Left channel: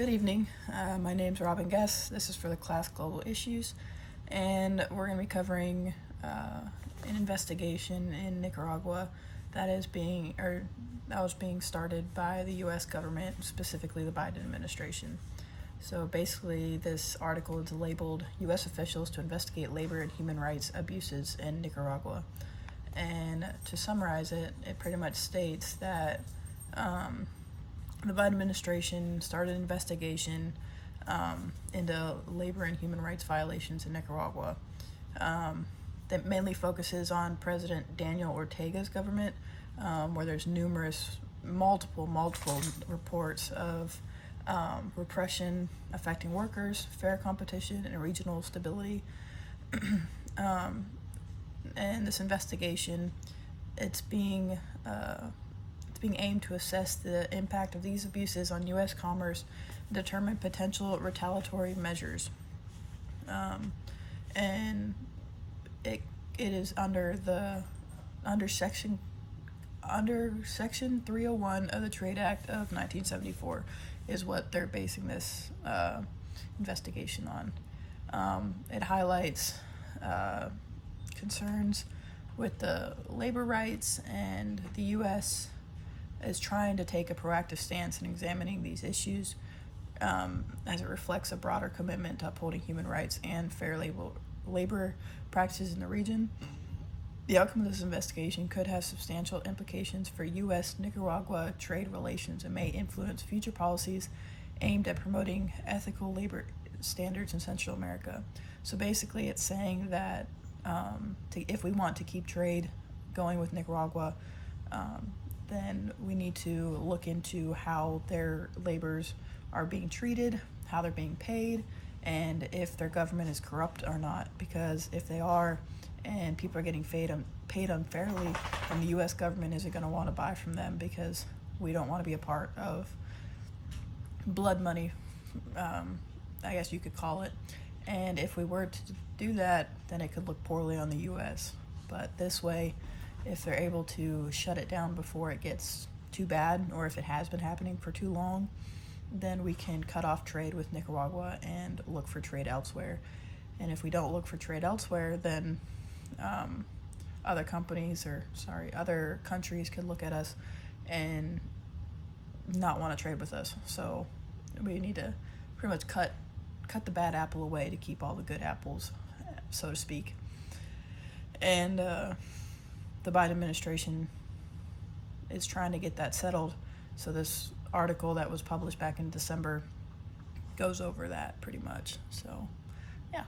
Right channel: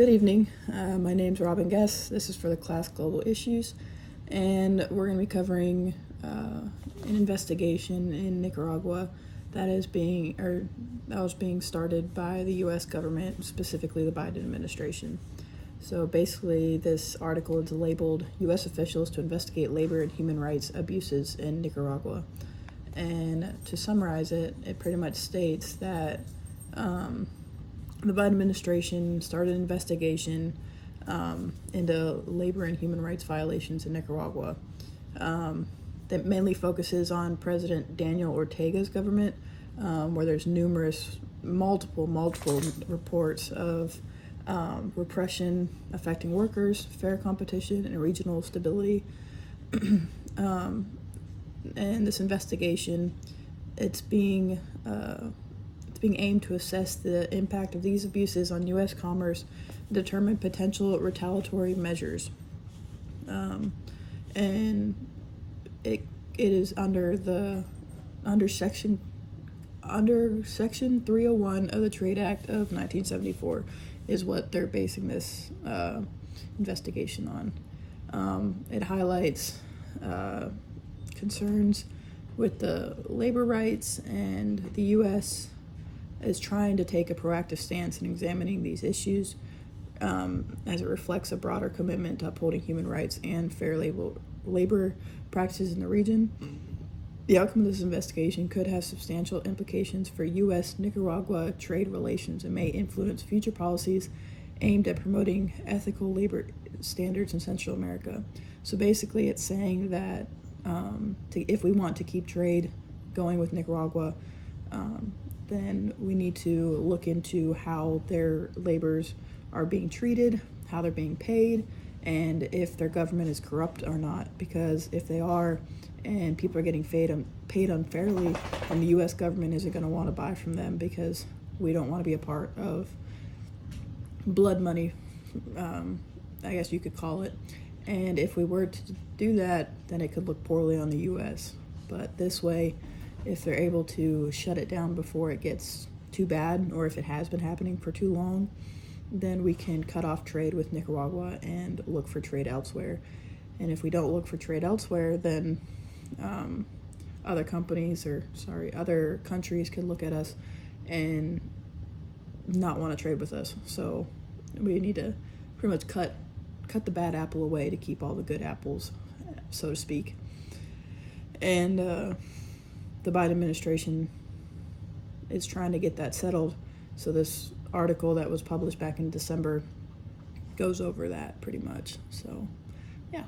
Good evening. My name's Robin Guess. This is for the class Global Issues, and we're going to be covering an investigation in Nicaragua that was being started by the U.S. government, specifically the Biden administration. So basically, this article is labeled "U.S. officials to investigate labor and human rights abuses in Nicaragua," and to summarize it, it pretty much states that the Biden administration started an investigation into labor and human rights violations in Nicaragua that mainly focuses on President Daniel Ortega's government, where there's multiple reports of repression affecting workers, fair competition, and regional stability. And this investigation, it's being aimed to assess the impact of these abuses on U.S. commerce, determine potential retaliatory measures, and it is under Section 301 of the Trade Act of 1974 is what they're basing this investigation on. It highlights concerns with the labor rights, and the U.S. is trying to take a proactive stance in examining these issues as it reflects a broader commitment to upholding human rights and fair labor practices in the region. The outcome of this investigation could have substantial implications for U.S.-Nicaragua trade relations and may influence future policies aimed at promoting ethical labor standards in Central America. So basically it's saying that if we want to keep trade going with Nicaragua, then we need to look into how their laborers are being treated, how they're being paid, and if their government is corrupt or not. Because if they are, and people are getting paid unfairly, then the U.S. government isn't going to want to buy from them, because we don't want to be a part of blood money, I guess you could call it. And if we were to do that, then it could look poorly on the U.S. But this way, if they're able to shut it down before it gets too bad, or if it has been happening for too long, then we can cut off trade with Nicaragua and look for trade elsewhere. And if we don't look for trade elsewhere, then other countries can look at us and not want to trade with us. So we need to pretty much cut the bad apple away to keep all the good apples, so to speak. And the Biden administration is trying to get that settled. So this article that was published back in December goes over that pretty much. So, yeah.